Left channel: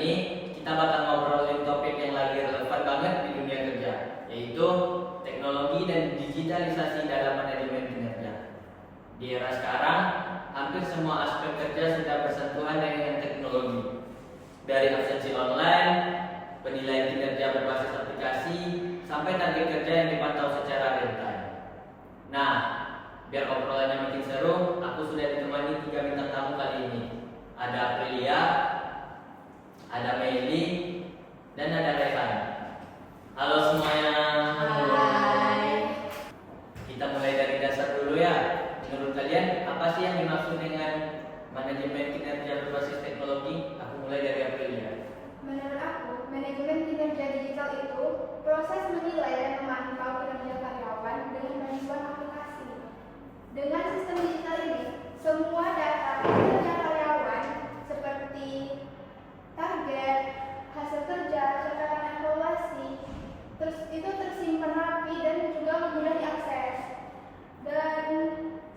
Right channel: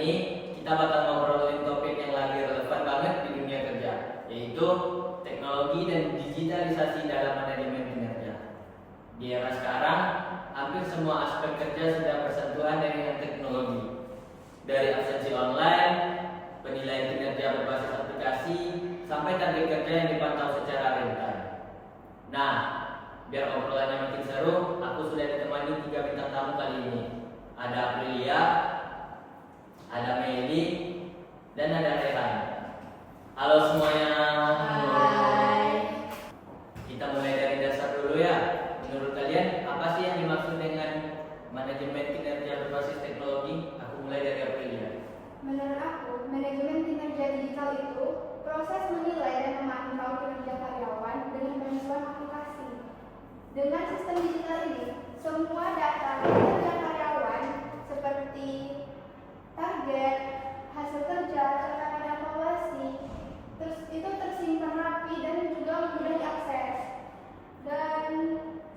ini kita bakal ngobrolin topik yang lagi relevan banget di dunia kerja, yaitu teknologi dan digitalisasi dalam manajemen kinerja. Di era sekarang, hampir semua aspek kerja sudah bersentuhan dengan teknologi. Dari absensi online, penilaian kinerja berbasis aplikasi, sampai target kerja yang dipantau secara real time. Nah, biar obrolannya makin seru, aku sudah ditemani 3 bintang tamu kali ini. Ada Aprilia, ada Meli, dan ada Rehan. Halo semuanya. Hai. Kita mulai dari dasar dulu ya. Menurut kalian, apa sih yang dimaksud dengan manajemen kinerja berbasis teknologi? Aku mulai dari Aprilia. Menurut aku, manajemen kinerja digital itu proses menilai dan memantau kinerja karyawan dengan bantuan aplikasi. Dengan sistem digital ini, semua data kinerja karyawan seperti target, hasil kerja, catatan evaluasi, terus itu tersimpan rapi dan juga mudah diakses. Dan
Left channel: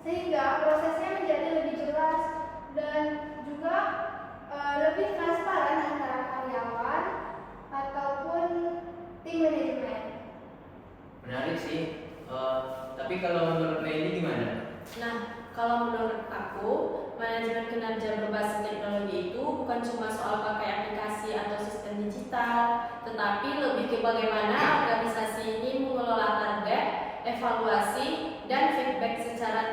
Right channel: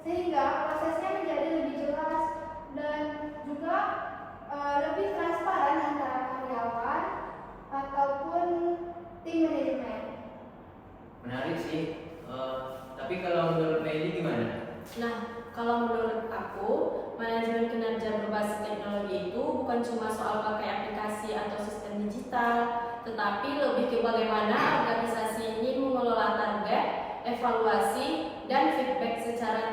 sehingga prosesnya menjadi lebih jelas dan juga lebih transparan antara karyawan ataupun tim manajemen. Menarik sih. Tapi kalau menurut Meli gimana? Nah, kalau menurut aku, manajemen kinerja berbasis teknologi itu bukan cuma soal pakai aplikasi atau sistem digital, tetapi lebih ke bagaimana organisasi ini mengelola target, evaluasi, dan feedback secara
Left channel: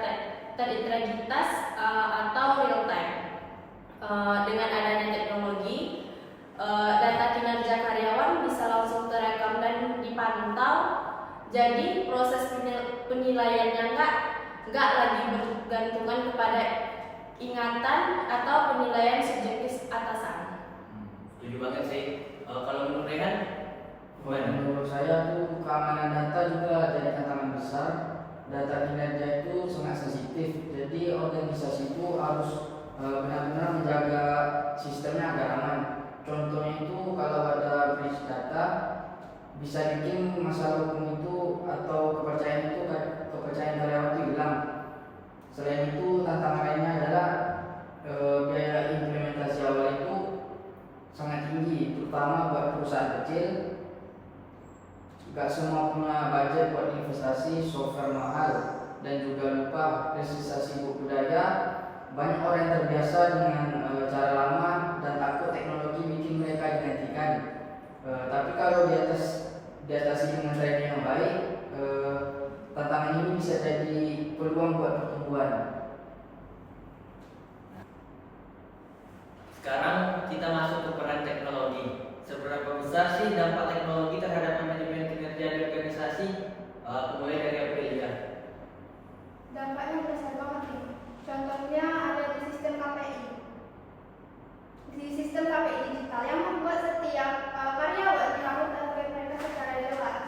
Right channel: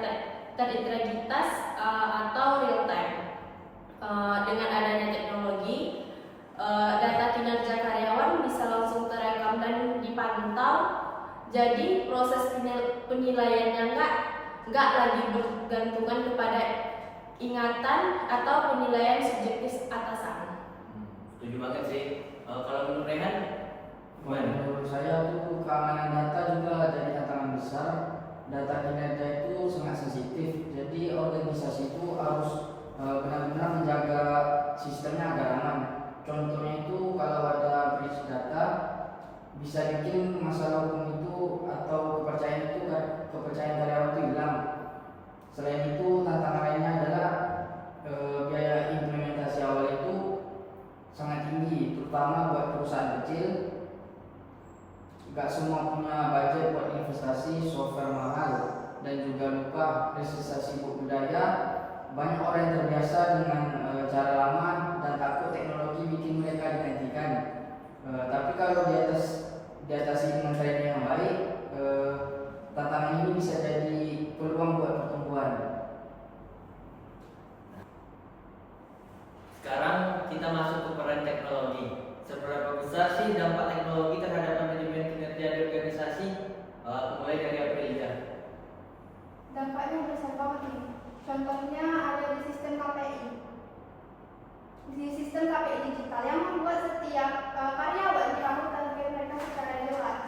terintegritas atau real time. Dengan adanya teknologi, data kinerja karyawan bisa langsung terekam dan dipantau. Jadi proses penilaiannya nggak lagi bergantungan kepada ingatan atau penilaian subjektif atasan. Setuju banget sih. Kalau menurut Rehan, gimana? Menurut saya tuh keamanan data juga jadi tantangan besar. Data kinerja itu sangat sensitif, jadi organisasi itu harus benar-benar menjaga sistemnya agar aman. Contohnya itu kalau ada breach data bisa bikin masalah hukum itu atau kepercayaan karyawan itu hilang. Selain itu tantangan lainnya adalah biaya implementasi awal itu sangat tinggi, terutama buat perusahaan kecil. Gak semua punya budget buat investasi software mahal, dan juga lupa realisasi budaya. Banyak orang yang terbiasa dengan cara lama dan takut teknologi bikin mereka digantikan. Tapi kalau diatasi dengan training yang baik, tantangan ini bisa jadi peluang buat pertumbuhan. Sekarang kita masuk ke peran teknologi. Seberapa besar sih dampak teknologi terhadap manajemen kinerja di organisasi? Mulai dari Aprilia. Dampaknya besar banget nih. Contohnya ada di sistem KPI. Di sistem KPI digital yang membuat setiap karyawan tahu target mereka secara jelas.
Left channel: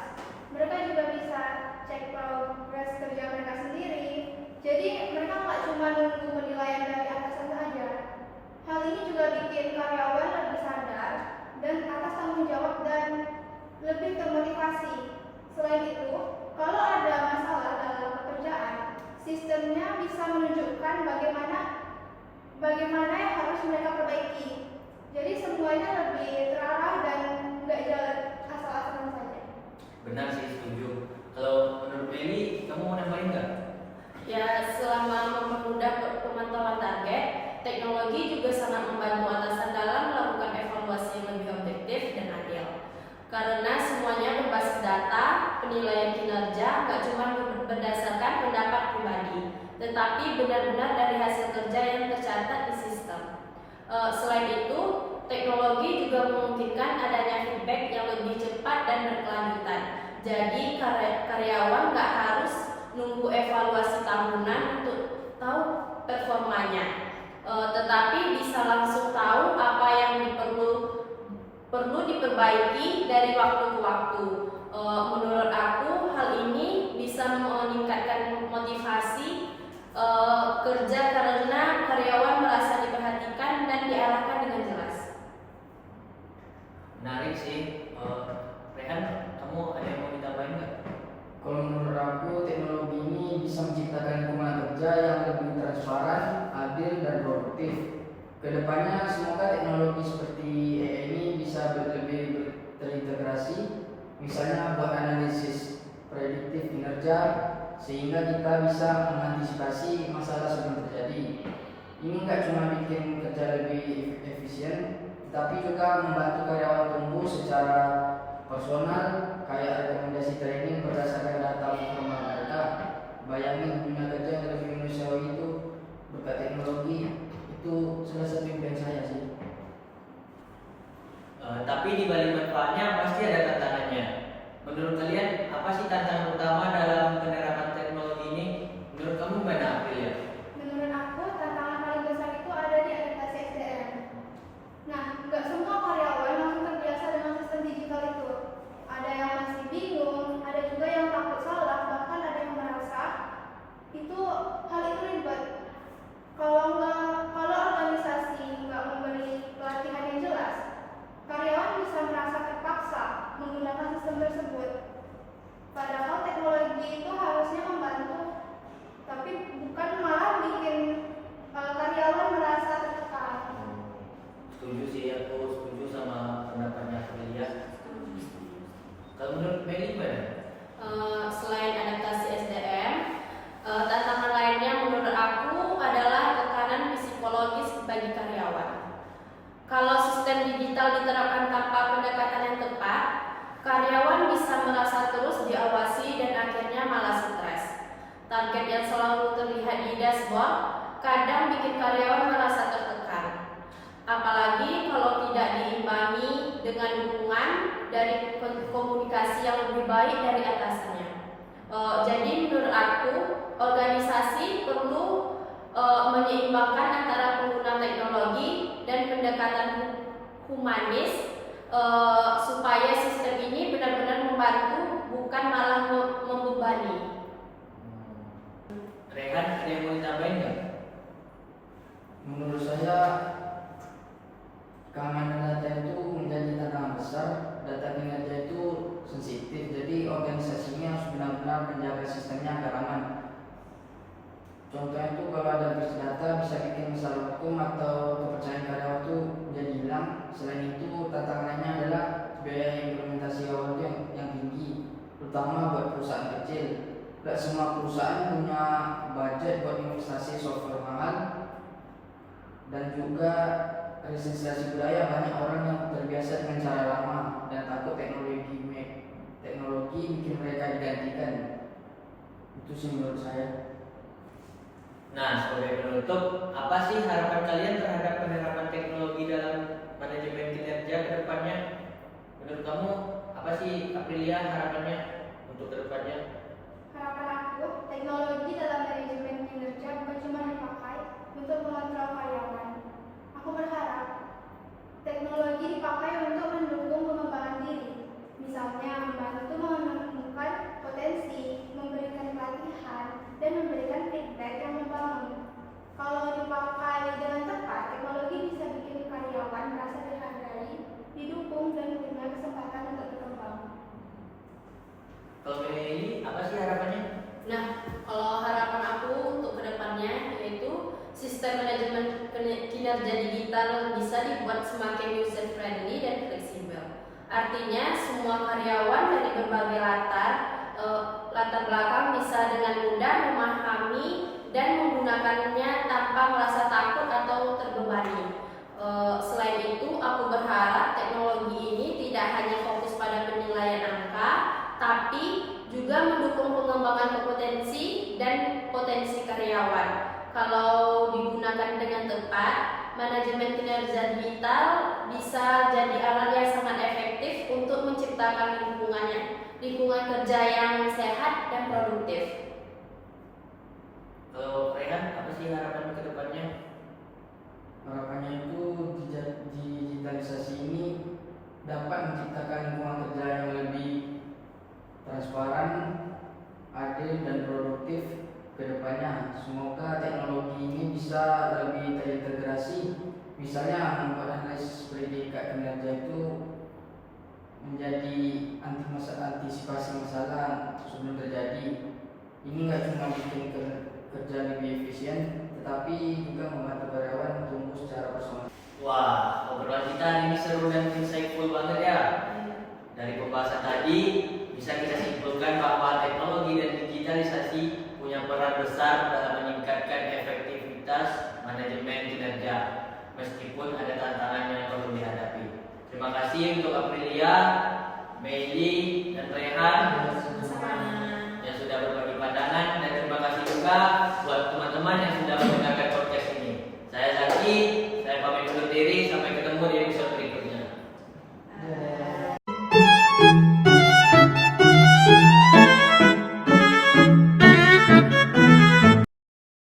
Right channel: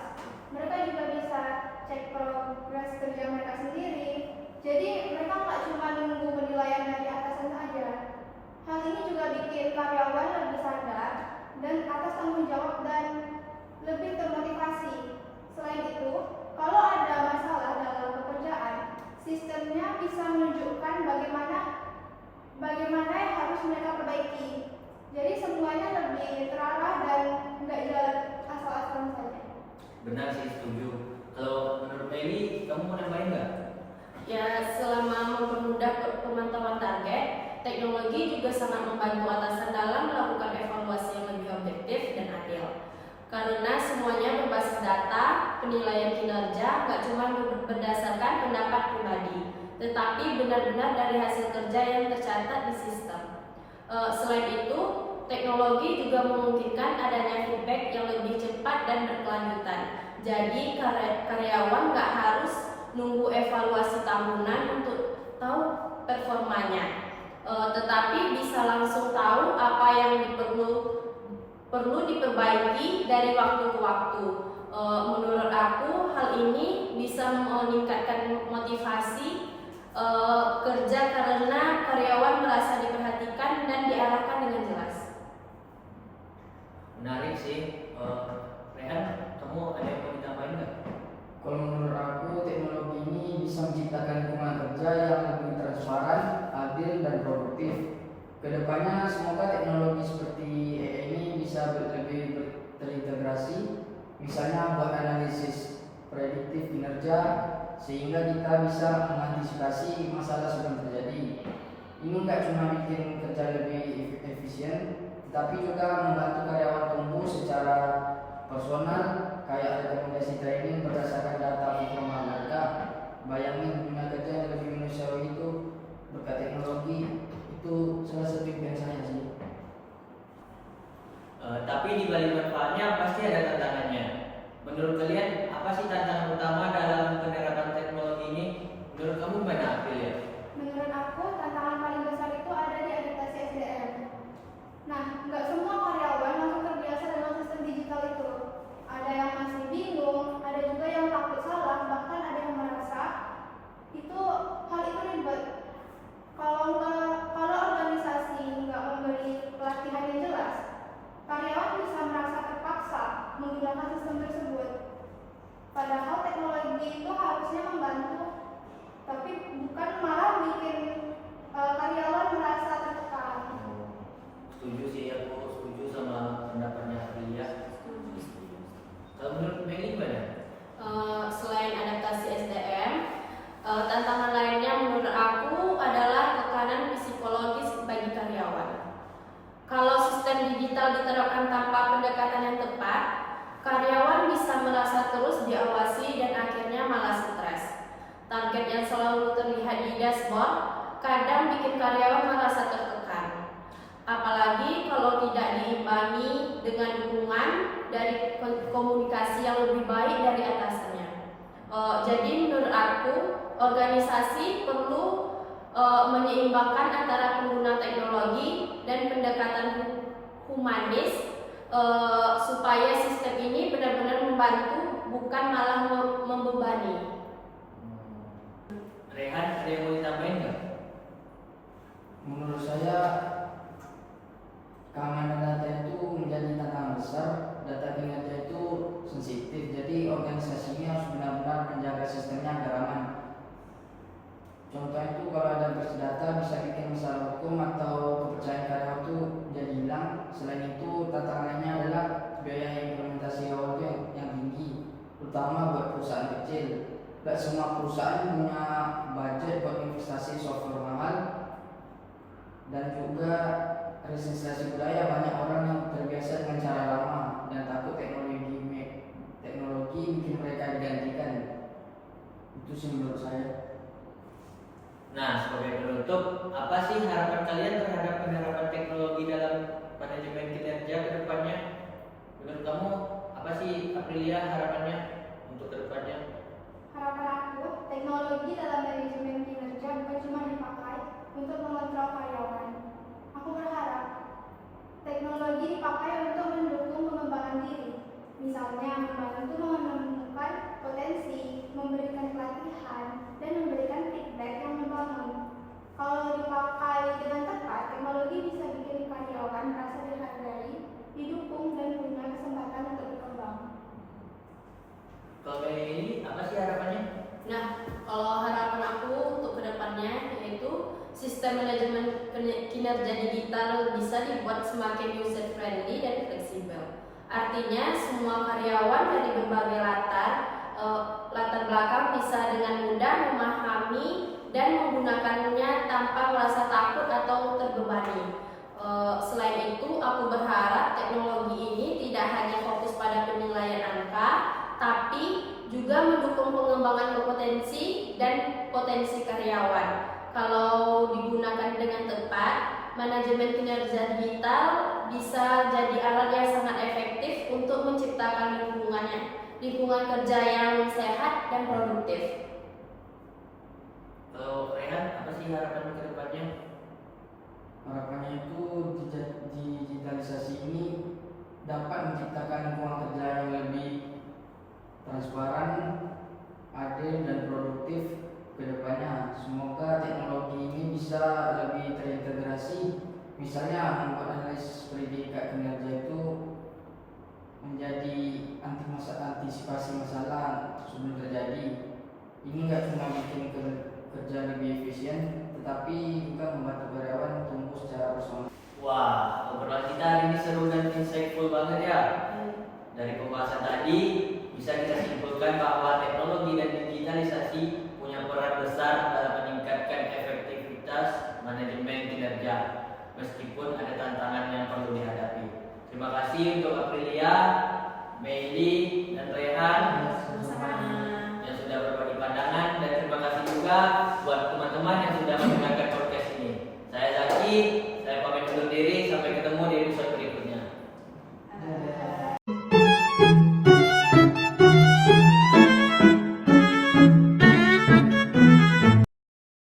Mereka juga bisa cek progres kerja mereka sendiri. Jadi mereka nggak cuma nunggu penilaian dari atasan saja. Hal ini juga bikin karyawan lebih sadar dan atas tanggung jawab dan lebih termotivasi. Selain itu, kalau ada masalah dalam pekerjaan, sistemnya bisa menunjukkan bagaimana yang harus mereka perbaiki. Jadi semuanya lebih terarah dan nggak jalan asal-asalan saja. Benar sih, setuju. Kalau menurut Meli, kamu mau nambahin nggak? Ya, selama mempermudah pemantauan target, teknologi juga sangat membantu atasan dalam melakukan evaluasi yang lebih objektif dan adil. Karena semuanya berbasis data, penilaian kinerja nggak cuma berdasarkan pendapat pribadi, tetapi benar-benar dari hasil kerja yang tercatat di sistem. Selain itu, teknologi juga memungkinkan adanya feedback yang lebih cepat dan berkelanjutan. Jadi karyawan nggak harus nunggu evaluasi tahunan untuk tahu performanya, tetapi bisa langsung tahu apa yang perlu diperbaiki dari waktu ke waktu. Menurut aku, hal ini bisa meningkatkan motivasi kerja karena karyawan merasa diperhatikan dan diarahkan dengan jelas. Menarik sih. Rehan, kamu ada yang mau ditambahin nggak? Kalau menurut aku, teknologi ini bisa menciptakan lingkungan kerja yang lebih transparan, adil, dan produktif. Kedepannya semoga teknologi seperti AI ini bisa lebih terintegrasi, misalnya buat analisis prediktif kinerja sehingga kita bisa mengantisipasi masalah sebelum terjadi. Ini nggak cuma bikin kerja lebih efisien, tapi juga membantu karyawan tumbuh secara personal, kayak rekomendasi training berdasarkan data performa mereka. Bayangin punya kerja yang lebih manusiawi itu berkat teknologi, itu salah satu impian saya sih. Tapi di balik manfaatnya pasti ada tantangannya. Menurut kalian apa sih tantangan utama dalam penerapan teknologi ini? Menurut kamu gimana, Aprilia? Menurut aku, tantangan paling besar itu ada di adaptasi SDM. Nah, nggak semua karyawan langsung terbiasa dengan sistem digital itu. Ada yang masih bingung, ada juga yang takut salah, bahkan ada yang merasa hal itu ribet. Kalau organisasi nggak memberi pelatihan yang jelas, karyawan bisa merasa terpaksa menggunakan sistem tersebut. Padahal teknologi itu harusnya membantu, tapi bukan malah bikin karyawan merasa tertekan. Setuju sih, aku setuju sama pendapatnya Aprilia. Kalau menurut Meli gimana? Selain adaptasi SDM, tantangan lainnya menurut aku adalah tekanan psikologis bagi karyawan. Kalau sistem digital diterapkan tanpa pendekatan yang tepat, karyawan bisa merasa terus diawasi dan akhirnya malah stres. Target yang selalu terlihat di dashboard kadang bikin karyawan merasa tertekan. Apalagi kalau tidak diimbangi dengan dukungan dari komunikasi yang lebih baik dari atasannya. Jadi menurut aku, organisasi perlu menyeimbangkan antara pengguna teknologi dan pendekatan humanis supaya sistem ini benar-benar membantu, bukan malah membebani. Rehan, ada yang mau ditambahin nggak? Menurut saya, keamanan data itu menjadi tantangan besar. Data kinerja itu sensitif, jadi organisasi ini harus benar-benar menjaga sistemnya agar aman. Contohnya itu kalau ada breach data bisa bikin masalah hukum atau kepercayaan karyawan itu jadi hilang. Selain itu, tantangan lainnya adalah biaya implementasi awal yang tinggi, terutama buat perusahaan kecil. Tidak semua perusahaan punya budget buat investasi software mahal, dan juga resistensi budaya. Banyak orang yang terbiasa dengan cara lama dan takut teknologi bikin mereka digantikan. Itu sih menurut saya. Nah, sebagai penutup, apa sih harapan kalian terhadap penerapan teknologi dalam manajemen kinerja ke depannya? Menurut kamu, apa sih Aprilia harapannya untuk ke depannya? Harapan aku, teknologi dalam manajemen kinerja bukan cuma dipakai untuk mengontrol karyawan. Aku berharap teknologi dipakai untuk mendukung pengembangan diri. Misalnya, membantu menemukan potensi, memberikan pelatihan, dan memberikan feedback yang membangun. Kalau dipakai dengan tepat, teknologi bisa bikin karyawan merasa dihargai, didukung, dan punya kesempatan untuk berkembang. Kalau Meli ini, apa sih harapannya? Nah, kalau harapan aku untuk kedepannya yaitu sistem manajemen kinerja digital bisa dibuat semakin user friendly dan fleksibel. Artinya semua karyawan dari berbagai latar belakang bisa dengan mudah memahami dan menggunakannya tanpa merasa takut atau terbebani. Selain itu, aku berharap teknologi ini tidak hanya fokus pada penilaian angka, tapi juga mendukung pengembangan kompetensi dan potensi karyawan. Kalau digunakan dengan tepat, manajemen kinerja digital bisa jadi alat yang sangat efektif untuk menciptakan lingkungan kerja yang sehat dan produktif. Kalau Rehan, apa sih harapan ke depannya? Harapannya itu digitalisasi ini dapat menciptakan lingkungan kerja yang lebih transparan, adil, dan produktif ke depannya. Semoga teknologi ini bisa lebih terintegrasi, misalnya membuat analisis predikat kinerja itu menjadi antisipasi masalah sebelum terjadi. Ini nggak cuma bikin kerja lebih efisien, tetapi juga membantu karyawan tumbuh secara personal. kasih untuk Aprilia